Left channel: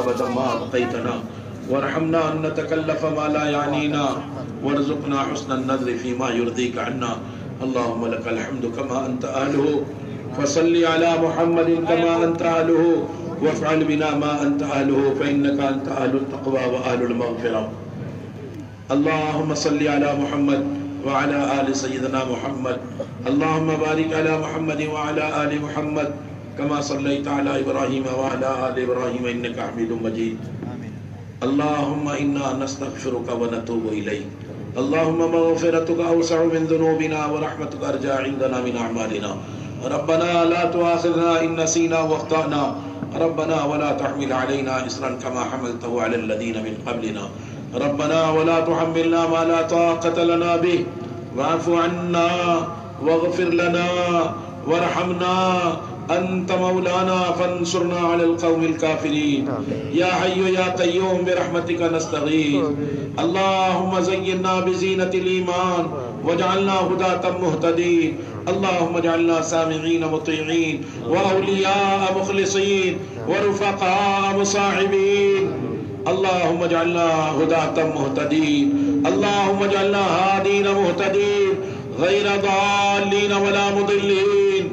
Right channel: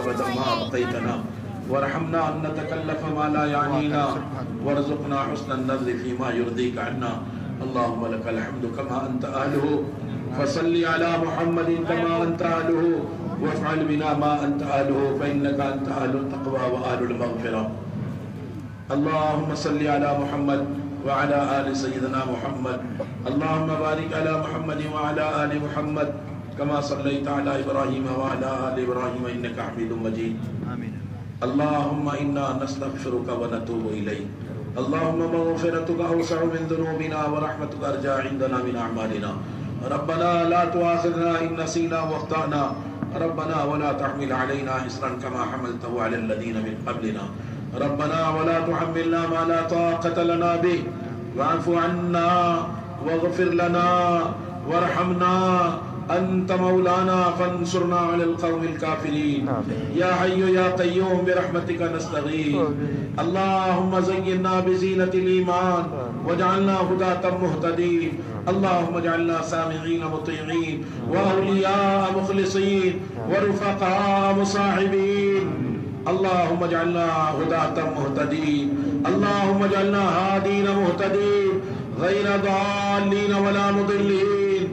أبدا ما أبقيتنا وارحمنا أن نتكلف ما لا يعنينا وارزقنا حسن النظر فيما يرضيك عنا. اللهم لك الحمد كما أنت أهله فصل على محمد كما أنت أهله وافعل بنا ما أنت أهله فإنك أنت أهل التقوى وأهل المغفرة. اللهم صل على محمد وعلى آل سيدنا محمد. اللهم بارك على محمد وعلى آل محمد كما صليت على إبراهيم وعلى آل إبراهيم إنك حميد مجيد. اللهم إنا نستغفرك ونتوب إليك. اللهم مغفرتك أوسع من ذنوبنا ورحمتك أرجى عندنا من أعمالنا. ربنا لا تؤاخذنا إن نسينا واخطأنا. ربنا ولا تحمل علينا إصرا كما حملته على الذين من قبلنا. ربنا ولا تحملنا ما لا طاقة لنا به واعف عنا واغفر لنا وارحمنا أنت مولانا فانصرنا على القوم الكافرين. يا حي يا قيوم برحمتك نستغيث. اللهم زينا بزينة الإيمان واجعلنا هداة مهتدين. اللهم اجعلنا سامعين مطيعين وأولياء مخلصين ورفقاء مصاحبين. اللهم اجعلنا هداة مهتدين. اللهم اجعلنا هادين مهتدين غير ضالين ولا مضلين.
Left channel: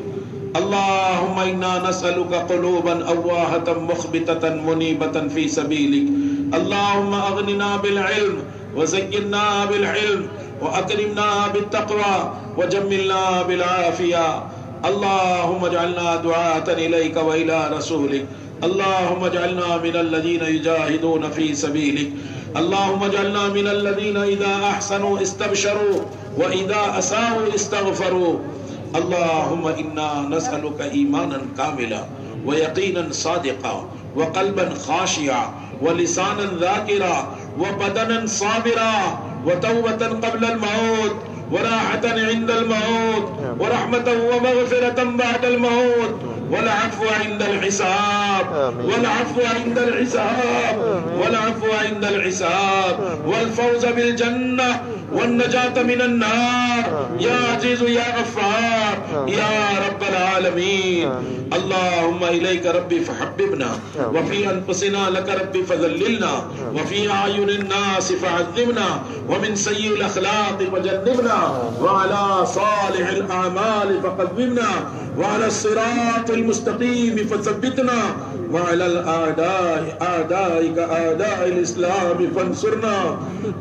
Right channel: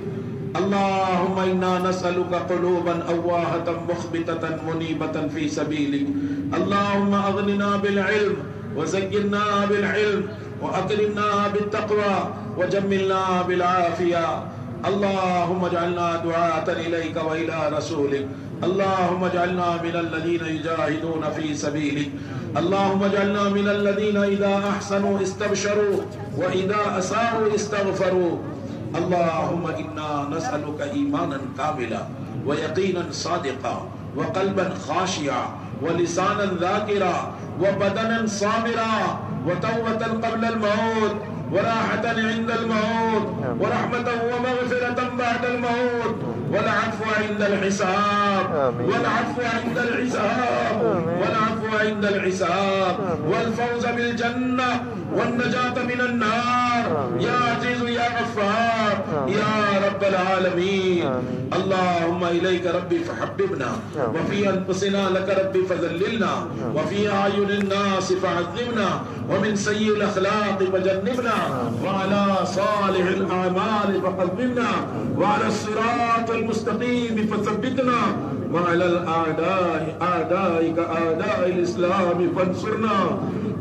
اللهم إنا نسألك قلوبا أواهة مخبتة منيبة في سبيلك. اللهم أغننا بالعلم وزينا بالعلم وأكرمنا بالتقوى وجملنا بالعافية. اللهم اجعلنا دعاة إليك وإلى رسولك. اللهم اجعلنا من الذين يجاهدون في سبيلك. اللهم اجعلنا من الذين إذا أحسنوا استبشروا وإذا أساءوا استغفروا. اللهم إنا نسألك إيمانا كاملا ويقينا صادقا وقلبا خاشعا ولسانا ذاكرا وبدنا صابرا وتوبة قبل الموت وراحة عند الموت ورحمة ومغفرة بعد الموت والعفو عند الحساب والعفو عند الحساب والعفو عند الحساب والفوز بالجنة والنجاة من النار. يا عزيز يا غفار يا رب العالمين. اللهم إليك ربي فحببنا وفي أنفسنا لك ربي فذللنا وفي أعين الناس فعذبنا ومن سيء الأخلاق فجنبنا وعلى صالح الأعمال فقومنا وعلى الصراط المستقيم فثبتنا وعلى الأعداء أعدائك أعداء الإسلام فانصرنا.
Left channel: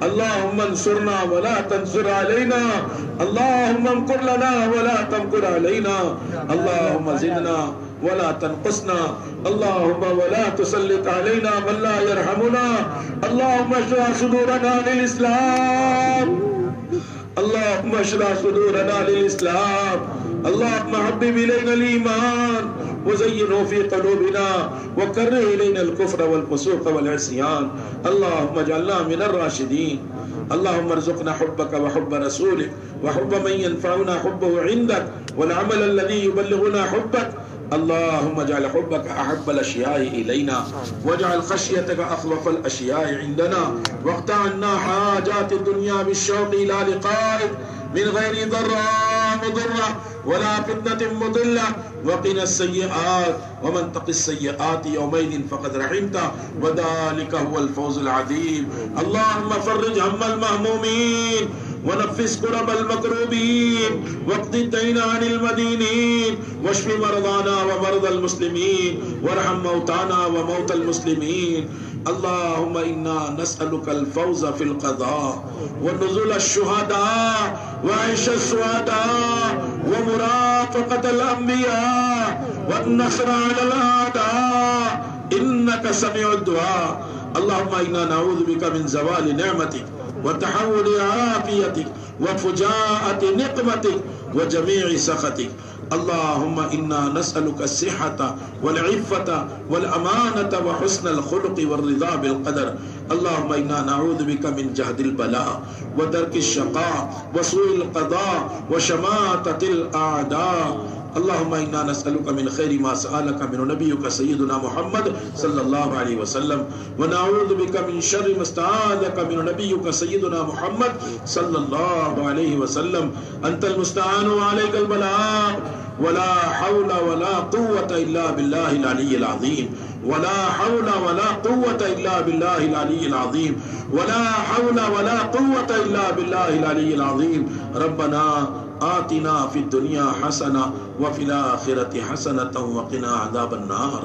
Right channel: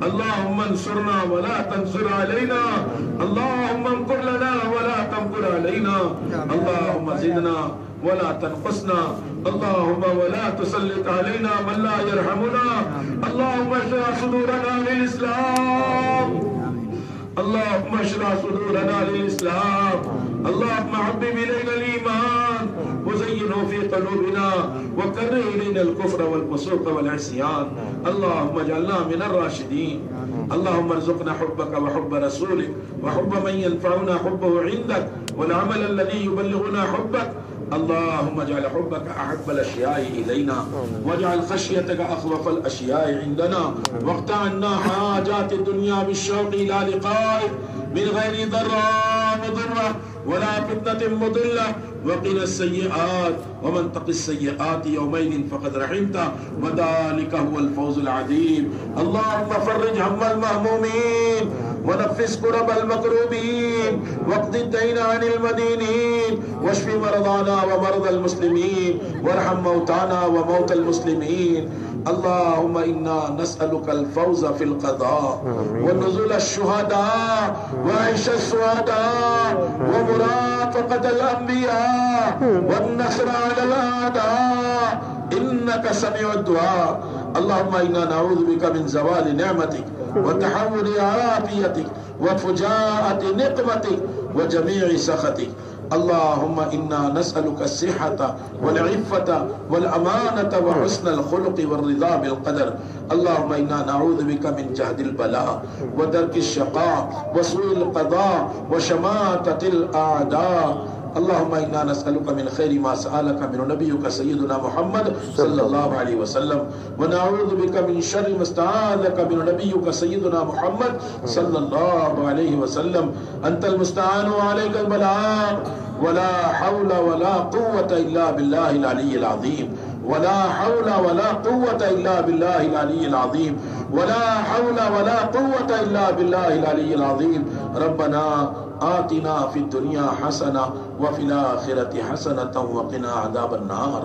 اللهم انصرنا ولا تنصر علينا. اللهم امكر لنا ولا تمكر علينا. اللهم زدنا ولا تنقصنا. اللهم ولا تسلط علينا من لا يرحمنا. اللهم اشرح صدورنا للإسلام. اللهم اشرح صدورنا للإسلام. اللهم حبب إلينا الإيمان وزينه في قلوبنا وكره إلينا الكفر والفسوق والعصيان. اللهم اجعلنا من الراشدين. اللهم ارزقنا حبك وحب رسولك وحب من ينفعنا حبه عندك والعمل الذي يبلغنا حبك. اللهم اجعل حبك أحب الأشياء إلينا واجعل خشيتك أخوف الأشياء عندنا واقطع عنا حاجات الدنيا بالشوق إلى لقائك من غير ضراء مضرة ولا فتنة مضلة. وقنا السيئات ومن تق السيئات يومئذ فقد رحمته وذلك هو الفوز العظيم. اللهم فرج هم المهمومين ونفس كرب المكروبين واقض الدين عن المدينين واشف مرضانا ومرضى المسلمين وارحم موتانا وموتى المسلمين. اللهم إنا نسألك الفوز في القضاء ونزول الشهداء وعيش الشهداء ومرافقة الأنبياء والنصر على الأعداء إنك سميع الدعاء. اللهم إنا نعوذ بك من زوال نعمتك وتحول عافيتك وفجاءة نقمتك وجميع سخطك. اللهم إنا نسألك الصحة والعفة والأمانة وحسن الخلق والرضا بالقدر. اللهم إنا نعوذ بك من جهد البلاء ودرك الشقاء وسوء القضاء وشماتة الأعداء. اللهم إنا نسألك من خير ما سألك من نبيك سيدنا محمد صلى الله عليه وسلم ونعوذ بك من شر ما استعاذك من نبيك سيدنا محمد صلى الله عليه وسلم. أنت المستعان وعليك البلاغ ولا حول ولا قوة إلا بالله العلي العظيم. ولا حول ولا قوة قوة إلا بالله العلي العظيم ولا حول ولا قوة إلا بالله العلي العظيم ربنا آتنا في الدنيا حسنة وفي الآخرة حسنة وقنا عذاب النار.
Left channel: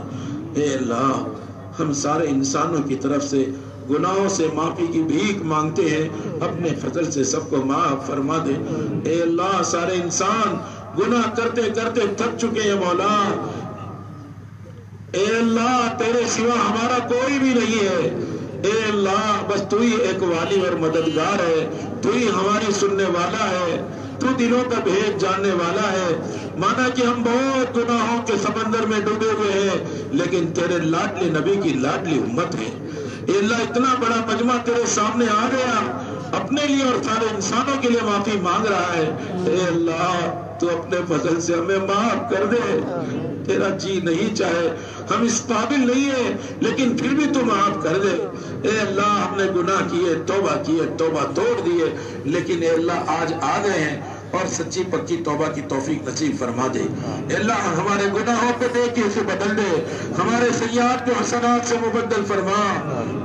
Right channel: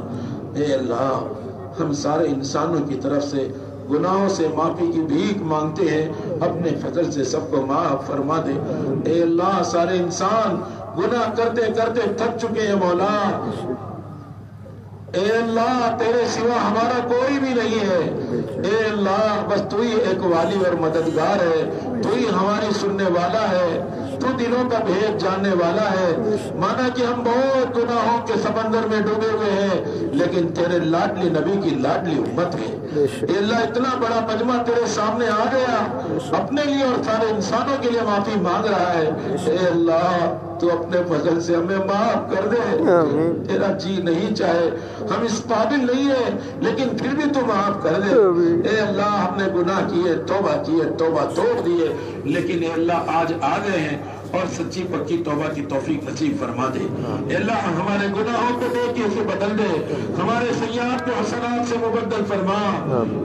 اے اللہ ہم سارے انسانوں کی طرف سے گناہوں سے معافی کی بھیک مانگتے ہیں، اپنے فضل سے سب کو معاف فرما دے. اے اللہ سارے انسان گناہ کرتے کرتے تھک چکے ہیں مولا. اے اللہ تیرے سوا ہمارا کوئی بھی نہیں ہے. اے اللہ بس تو ہی ایک والی اور مددگار ہے، تو ہی ہماری سننے والا ہے، تو دلوں کا بھید جاننے والا ہے. مانا کہ ہم بہت گناہوں کے سمندر میں ڈوبے ہوئے ہیں، لیکن تیرے لاڈلے نبی کی لاڈلی امت ہے. اے اللہ اتنا بڑا مجمع تیرے سامنے آ گیا، اپنے لیے اور سارے انسانوں کے لیے معافی مانگ رہا ہے. اے اللہ تو اپنے فضل سے ہمیں معاف کر دے. تیرا جی نہیں چاہے، ہم اس قابل نہیں ہے، لیکن پھر بھی تو معاف کر دے. اے اللہ ہم نے گناہ کیے، توبہ توڑ دیے، لیکن اے اللہ آج آ گئے ہیں اور سچی پکی توبہ کی توفیق نصیب فرما دے. اے اللہ ہمارے گناہوں کو دیکھ کے اسے بدل دے، ہمارے سیئات کو حسنات سے مبدل فرما.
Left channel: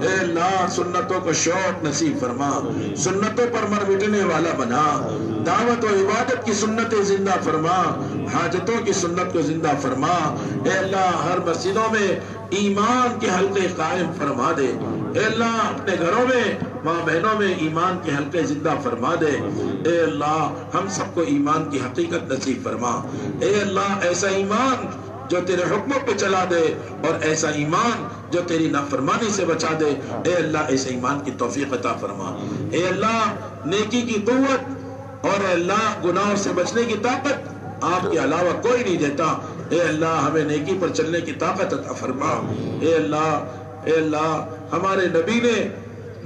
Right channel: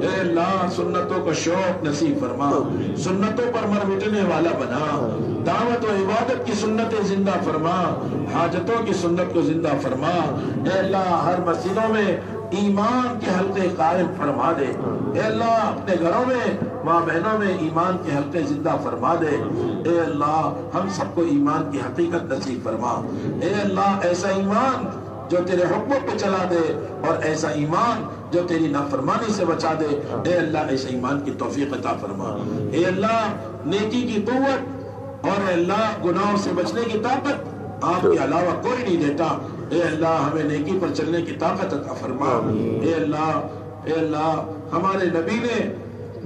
اے اللہ سنتوں کا شوق نصیب فرما، سنتوں پر مر مٹنے والا بنا. دعوت و عبادت کی سنتیں زندہ فرما، حاجتوں کی سنت کو زندہ فرما. اے اللہ ہر مسجدوں میں ایمان کے حلقے قائم فرما دے. اے اللہ اپنے گھروں میں ماں بہنوں میں ایمان کے حلقے زندہ فرما دے. اے اللہ ہم سب کو ایمان کی حقیقت نصیب فرما. اے اللہ ایسا ایمان جو تیرے حکموں پہ چلا دے، اور ایسا ایمان جو تیری نافرمانی سے بچا دے. اے اللہ ایسے ایمان کی توفیق عطا فرما. اے اللہ نیکی کی قوت اور اے اللہ گناہوں سے بچنے کی طاقت آپ کے علاوہ کوئی نہیں دیتا. اے اللہ ہمیں نیکی پر چلنے کی طاقت عطا فرما. اے اللہ ہمارے نبی نے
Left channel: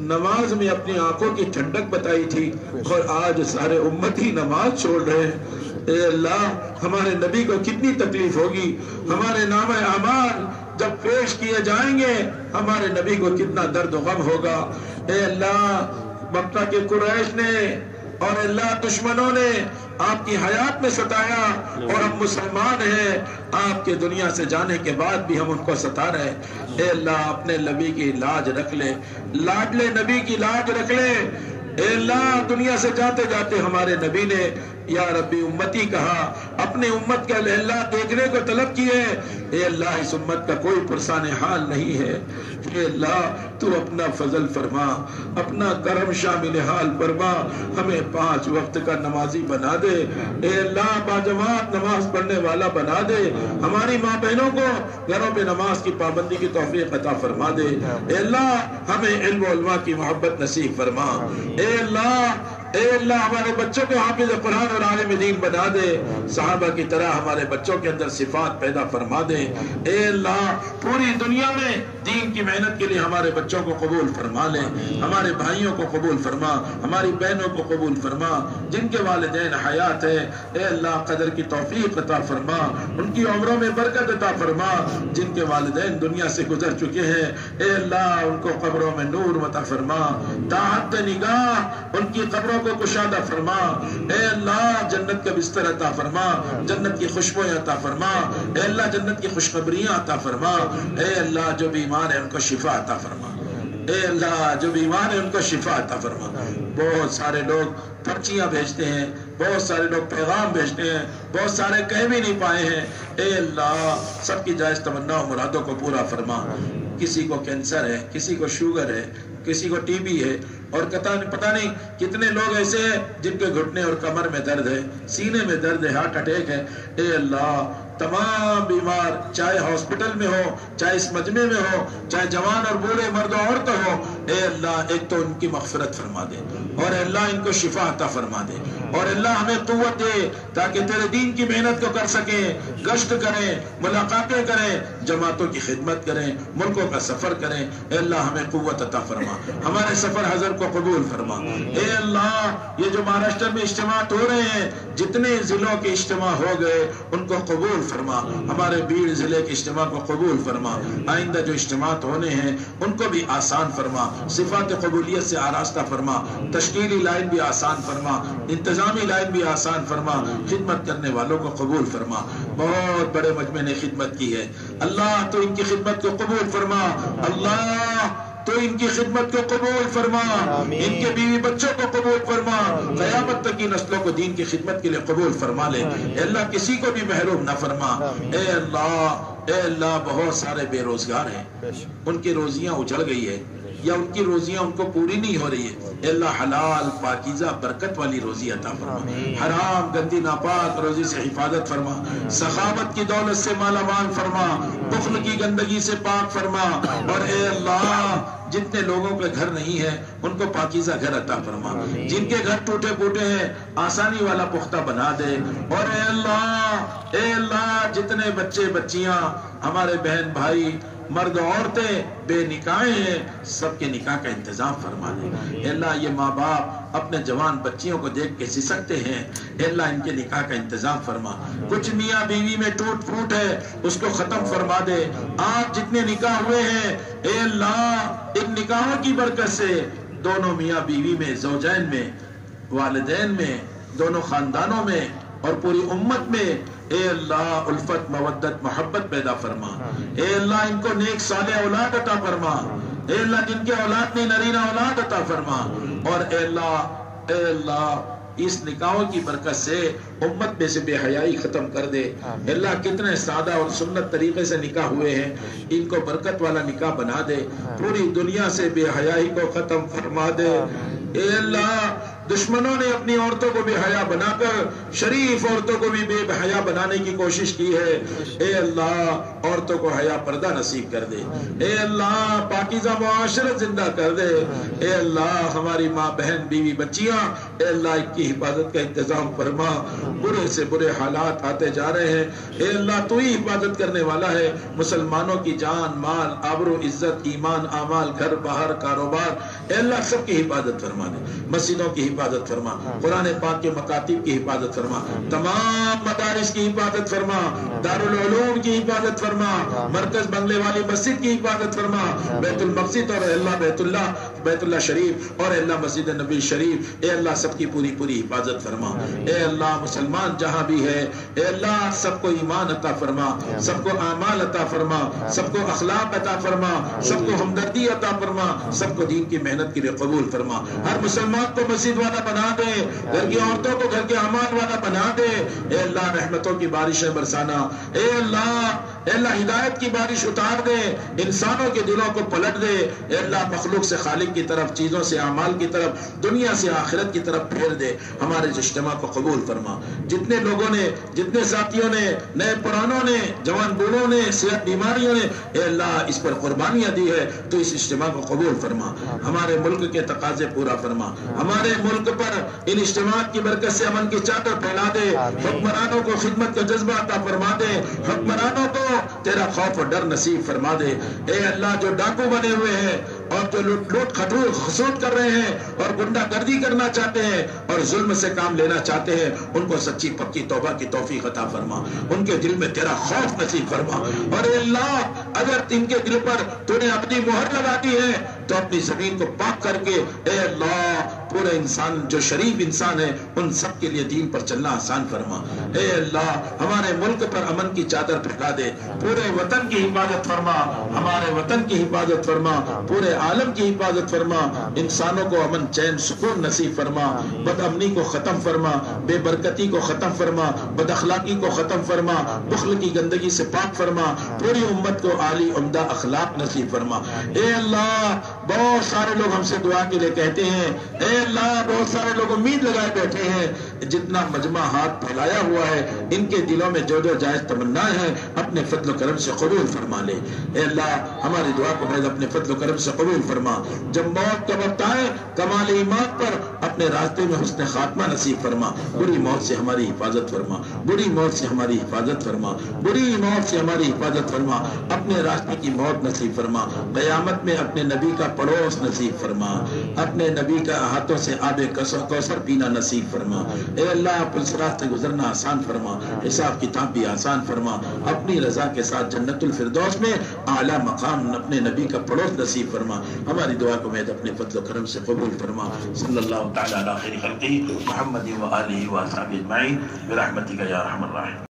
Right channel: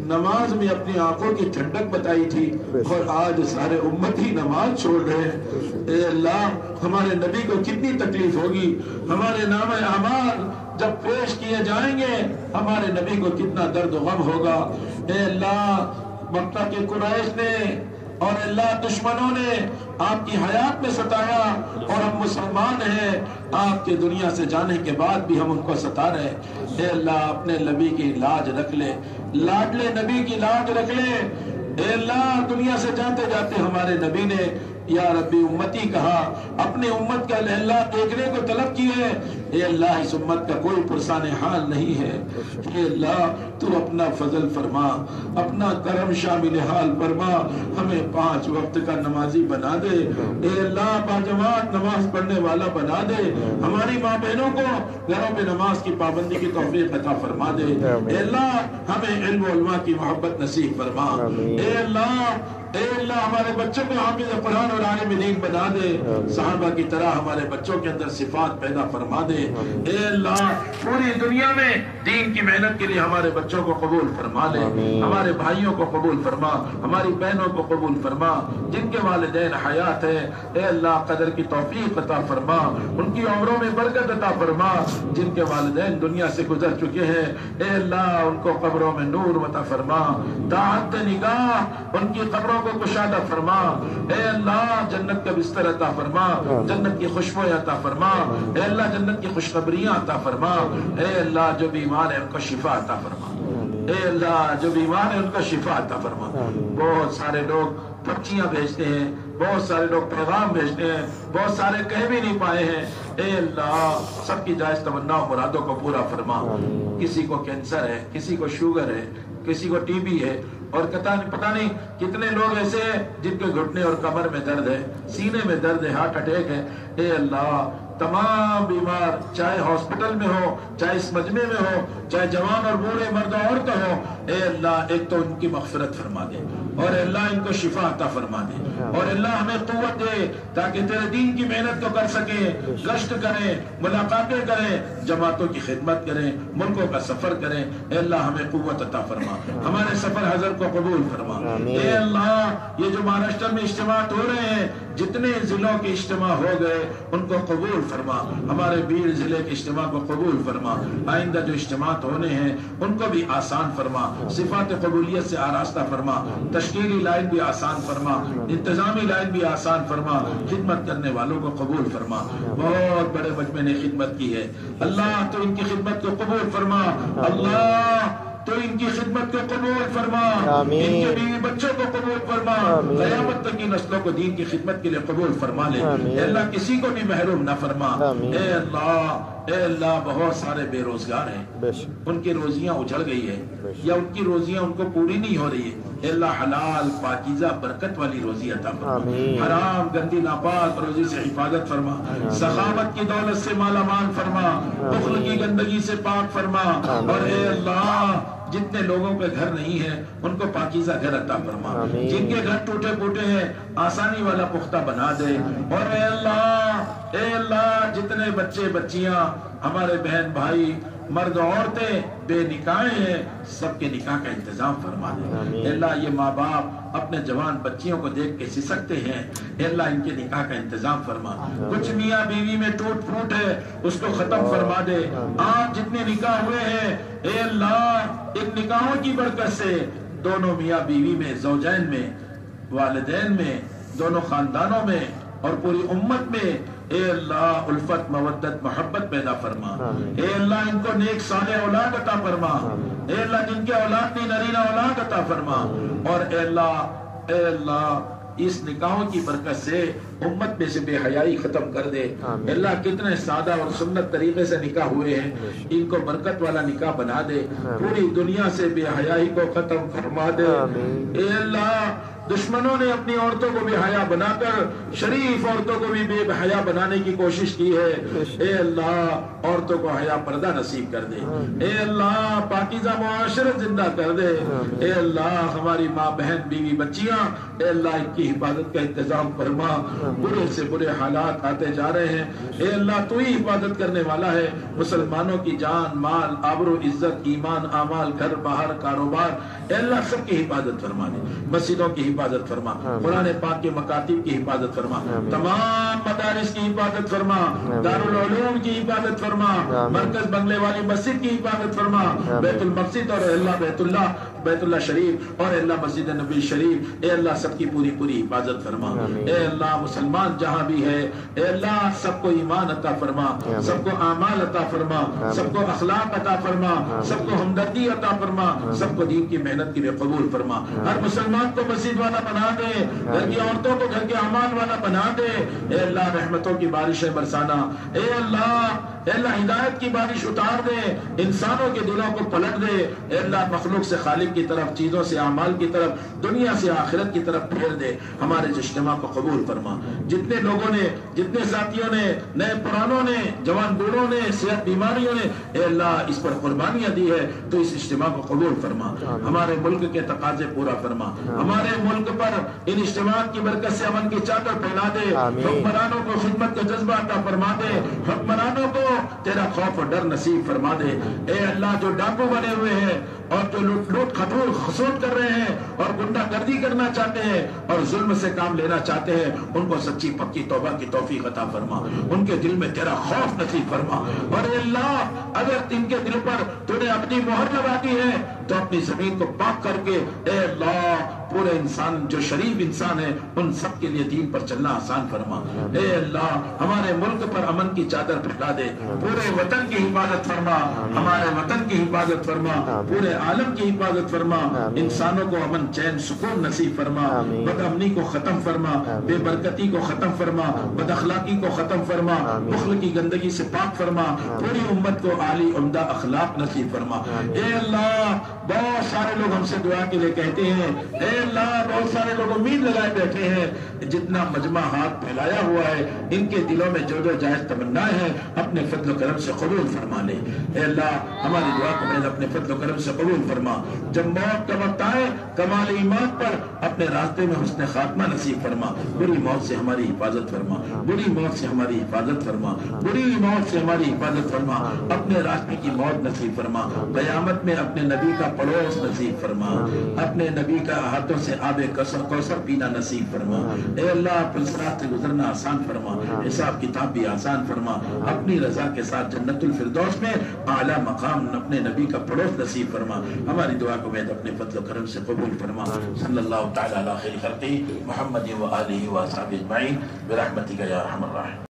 نماز میں اپنی آنکھوں کی ٹھنڈک بتائی تھی، اور آج سارے امتی نماز چھوڑ رہے ہیں. اے اللہ ہمارے نبی کو کتنی تکلیف ہوگی، ہمارے نام اعمال جب پیش کیے جائیں گے ہمارے نبی کو کتنا درد و غم ہوگا. اے اللہ مکہ کے قریش نے اور اللہ دشمنوں نے آپ کی حیات میں ستایا، اور ہم مسلمان ہیں، آپ کے دنیا سے جانے کے بعد بھی ہم ان کو ستا رہے. اے اللہ اپنے نبی کی لاج رکھ لے، لاڈلے نبی کی لاج رکھ لے. اے اللہ دنیا سے جاتے جاتے ہمارے نبی نے یا ربی امتی کہا، اپنی امت کا اللہ دیکھنے کو طلب کیے. اے اللہ اس امت کا کوئی پرسان حال نہیں ہے. اے اللہ تو اپنا فضل فرما، اپنا کرم شامل حال فرما، ہمیں 5 وقت کا نمازی بنا دے. اے اللہ باجماعت نماز پڑھنے والا بنا دے. ہماری ماں بہنوں کو گھروں میں نماز کی پابندی کی توفیق عطا فرما دے. اے اللہ ہمیں علم و علماء کی محبت نصیب فرما. اے اللہ ہمارے بچوں کو حافظ قرآن اور عالم دین بنا دے. صحابہ کی طرح ہمارے بچوں کے اندر صفات پیدا فرما دے. اے اللہ پوری دنیا میں دین کی محنت کے لیے ہمارے بچوں کو قبول فرما لے، ہمارے بھائیوں کو قبول فرما، ہماری بہنوں کو قبول فرما. جن کے والدین حیات ہے اے اللہ قدر کی توفیق عطا فرما، ان کی عمروں میں برکت عطا فرما. جن کے والدین دنیا سے گزر چکے ہیں اے اللہ ان کو قبروں میں نور عطا فرما، طاعت نگاہ ان کی قبروں کو کشادہ فرما. اے اللہ جنت کا بستر عطا فرما، جنت کی خوشبوئیں عطا فرما. اے اللہ جنت کی خوشخبریاں عطا فرما. اے اللہ جو بیمار ہیں ان کو شفا عطا فرما. اے اللہ جو بیمار ہیں ان کو شفا عطا فرما. بہت سارے لوگ پرچیاں بھیجتے ہیں، بہت سارے لوگ پیغام بھیجتے ہیں، بہت سارے کہہ بھی نہیں پائے ہیں. اے اللہ سب کی جائز تمنا و مرادوں کو پورا فرما. کسی کو کینسر ہے، کسی کو شوگر ہے، کسی کو ٹی بی ہے، اور پتہ نہیں کتنے لوگ ایسے ہیں جن کے گھٹنے اور کمر میں درد ہے، سینے میں درد ہے، ہارٹ اٹیک ہے. اے اللہ تمام بیمار چاہے ہاسپٹل میں ہو، چاہے اس مجمع میں ہو، چاہے جوان اور بوڑھے مرد و عورت ہو، اے اللہ ایک تو ان کی مغفرت فرما دے، اور اے اللہ ان کو شفا عطا فرما دے، اور اللہ ہمیں قوت دے تاکہ تیرے دین کی محنت کو کر سکیں، گشت کریں، ملاقاتیں کریں، جماعتوں کی خدمت کریں، ملکوں کا سفر کریں. اے اللہ ہمیں قوت عطا فرما، ہمارے سفر حضر کو قبول فرما. اے اللہ یہ جو مہاراشٹر میں اجتماعات ہو رہے ہیں، جتنے ضلعوں کے اجتماع ہو گئے ان کو قبول فرما. ہمارے بیڑ ضلع کے اجتماع کو قبول فرما. آئندہ جو اجتماعات ہونے ہیں ان کو بھی آسان فرما، صفات قبولیت سے آراستہ فرما، تشکیلی لائن بھی آسان فرما، انتظامی لائن بھی آسان فرما. خدمت کرنے والوں کو قبول فرما. بہت بڑے مجمع نے خدمت کی ہے، اللہ تو ان کی خدمت کو قبول فرما. اللہ تو ان کی خدمت کو قبول فرما، ان کے بیوی بچوں کو قبول فرما، قیامت تک کی نسلوں کو دین کی خدمت کے لیے قبول فرما لے۔ اے اللہ کسی کو بھی محروم نہ فرما۔ اے اللہ بہت سارے بے روزگار ہیں، ان کی روزیاں اجڑ گئی ہے یا ان کی روزیاں ان کو پوری نہیں ہو رہی ہے، اے اللہ حلال پاکیزہ برکت والی روزی عطا فرما، حرام گندی ناپاک روزی سے حفاظت فرما، سخاوت کی دولت سے مالا مال فرما، بخل کی گندگی سے پاک فرما، اور اے اللہ جتنے لوگوں کے گھر نہیں ہے ان کو پاکیزہ گھر عطا فرما، جن کے گھر ٹوٹے پوٹے ہیں آسانی والا پختہ بنا دے، اور اے اللہ جتنے بچے بچیاں ہمارے بہن بھائی مرد عورتیں بے نکاح ہیں سب کے نکاح کا انتظام فرما دے۔ اے اللہ یہ ماں باپ اپنے جوان بچیوں کو دیکھ کے سسکتے ہیں، اے اللہ ان کے نکاح کا انتظام فرما، کچھ میاں بیوی میں ٹوٹ پھوٹ ہے اس کو ختم فرما دے، آپ جتنے نکاح ہوئے ہیں اے اللہ ان نکاحوں کی برکت سے دونوں میاں بیوی میں، زوجین میں، والدین میں، دونوں خاندانوں میں اور پوری امت میں اے اللہ الفت مودت محبت پیدا فرما، اے اللہ ان کو نیک صالح اولاد عطا فرما، اے اللہ جن کے اولاد نہیں نرینہ اولاد عطا فرما، اور اے اللہ اس نکاحوں کی برکت سے امت میں سے بے حیائی ختم کر دے۔ اے اللہ کتنے سادہ اور سنت طریقے سے نکاح ہوئے ہیں ان کو برکت والا نکاح بنا دے، پوری دنیا سے بے حیائی کو ختم فرما دے۔ اے اللہ دشمنوں نے اپنی عورتوں کو بے حیا بنا کر شریف عورتوں کو بھی بے حیا بنانے کی کوشش کی ہے، اے اللہ عورتوں کو حیا پردہ نصیب کر دے، اے اللہ پاکیزہ معاشرت زندہ کر دے، اے اللہ ہماری ماں بہن بیوی بچیاں اے اللہ ان کی حفاظت کا انتظام فرما، برے سے برے حالات آتے جا رہے ہیں، اے اللہ تو ہی حفاظت کرنے والا ہے، مسلمانوں کی جان مال آبرو عزت ایمان اعمال گھر باہر کاروبار اے اللہ سب کی حفاظت فرما دے، مسجدوں کی حفاظت فرما، قرآن پاک کے مکاتب کی حفاظت فرما، تمام مدارس کی حفاظت فرما، دارالعلوم کی حفاظت فرما، مرکز بنگلے والی مسجد کی حفاظت فرما، بیت المقصد اور اللہ بیت اللہ شریف اور اللہ مسجد نبی شریف اے اللہ سب کی پوری حفاظت فرما، اے اللہ مسلمان جہاں بھی ہے اے اللہ سب کو ایمان عطا فرما، سب کو اعمال عطا فرما، سب کو اخلاق عطا فرما، سب کو ہمدردی عطا فرما، سب کو دین کی محنت کے لیے قبول فرما، ہر مسلمان کو مسجد والا بنا دے، گھر کی عورتوں کو گھر کے اعمال والا بنا دے، اے اللہ رحمتوں کی بارشیں برسانا، اے اللہ ہدایت کی بارش اتار دے، انسانوں کے دلوں کو پلٹ دے، اے اللہ مخلوق سے خالق کی طرف چیزوں سے اعمال کی طرف دنیا سے آخرت کی طرف پھیر دے، ہمارے اجتماع کو قبول فرما، جتنے لوگوں نے جتنے ساتھیوں نے نئے پرانوں نے جوان بوڑھوں نے صحت بیماریوں نے اے اللہ اس پر قربانیاں دی ہے تو اس اجتماع کو قبول فرما، ہمارے ملک کے تقاضے پورا فرما، ہمارے ملک پر ان اجتماعات کی برکت سے امن کی چادر پھیلا دے، حکمرانوں کو خدمت کا جذبہ عطا فرما دے، حکمرانوں کو تیرا خوف اور ڈر نصیب فرما دے، اے اللہ جو ڈاکو بنے ہوئے ہیں اور جو لوٹ کھٹور خسوٹ کر رہے ہیں اور گنڈا گردی کرنا چاہتے ہیں اور ظلم سے کام لینا چاہتے ہیں ان کو سچی پکی توبہ کی توفیق عطا فرما، ان کے دل میں تیرا خوف نصیب فرما، اور اے اللہ اگر ان کے دل پر تو نے اپنی مہر لگا دی ہے تو اپنی زمین کو پاک کر کے اے اللہ پورے انسان جو شریف انسان ہے ان سب کے لیے دین پر چلنا آسان فرما، اے اللہ ہمارے ملک پر امن کی چادر پھیلا دے، پورے وطن کی حفاظت فرما، ہمارے وطن کی حفاظت فرما، پورے عالم کی حفاظت فرما، انسانوں کو امن چین سکون نصیب فرما، بد امنی کو ختم فرما، بے برکتی کو ختم فرما، بد اخلاقی کو ختم فرما، بخل کی گندگی سے پاک فرما، پوری امت کو عالی عمدہ اخلاق نصیب فرما، اے اللہ بہت سارے لوگ ہم سے دعا کے لیے کہتے ہیں، اے اللہ بہت سارے لوگ امید لگائے بیٹھے ہیں، جتنا مجمع ہاتھ پھیلایا ہوا ہے ان کے دلوں میں جو جائز تمنائیں ہیں اپنے فضل و کرم سے قبول فرما لے، اے اللہ ہماری دعا کو محض اپنے فضل و کرم سے قبول فرما، جب موت کا وقت آئے کمال ایمان پر اپنے راستے میں حسن خاتمہ نصیب فرما، بری موت سے ہماری حفاظت فرما، بری موت سے ہماری حفاظت فرما، بری موت سے ہماری حفاظت فرما، اپنے راستے کی موت نصیب فرما، قیامت میں اپنے نبی کا پڑوس نصیب فرما، اپنے نبی کا ہاتھوں سے آب کوثر پینا نصیب فرما، اے اللہ اس راستے گزرنا آسان فرما، حساب کتاب بھی آسان فرما، اپنی رضا کے ساتھ جنت الفردوس میں اعلیٰ مقام اپنے نبی کا پڑوس نصیب فرما، ہماری دعا کو میں اپنے فضل و کرم سے قبول فرما، صلی اللہ تعالی علی خیر خلقہ محمد و آلہ و اصحابہ اجمعین برحمتک یا ارحم الراحمین۔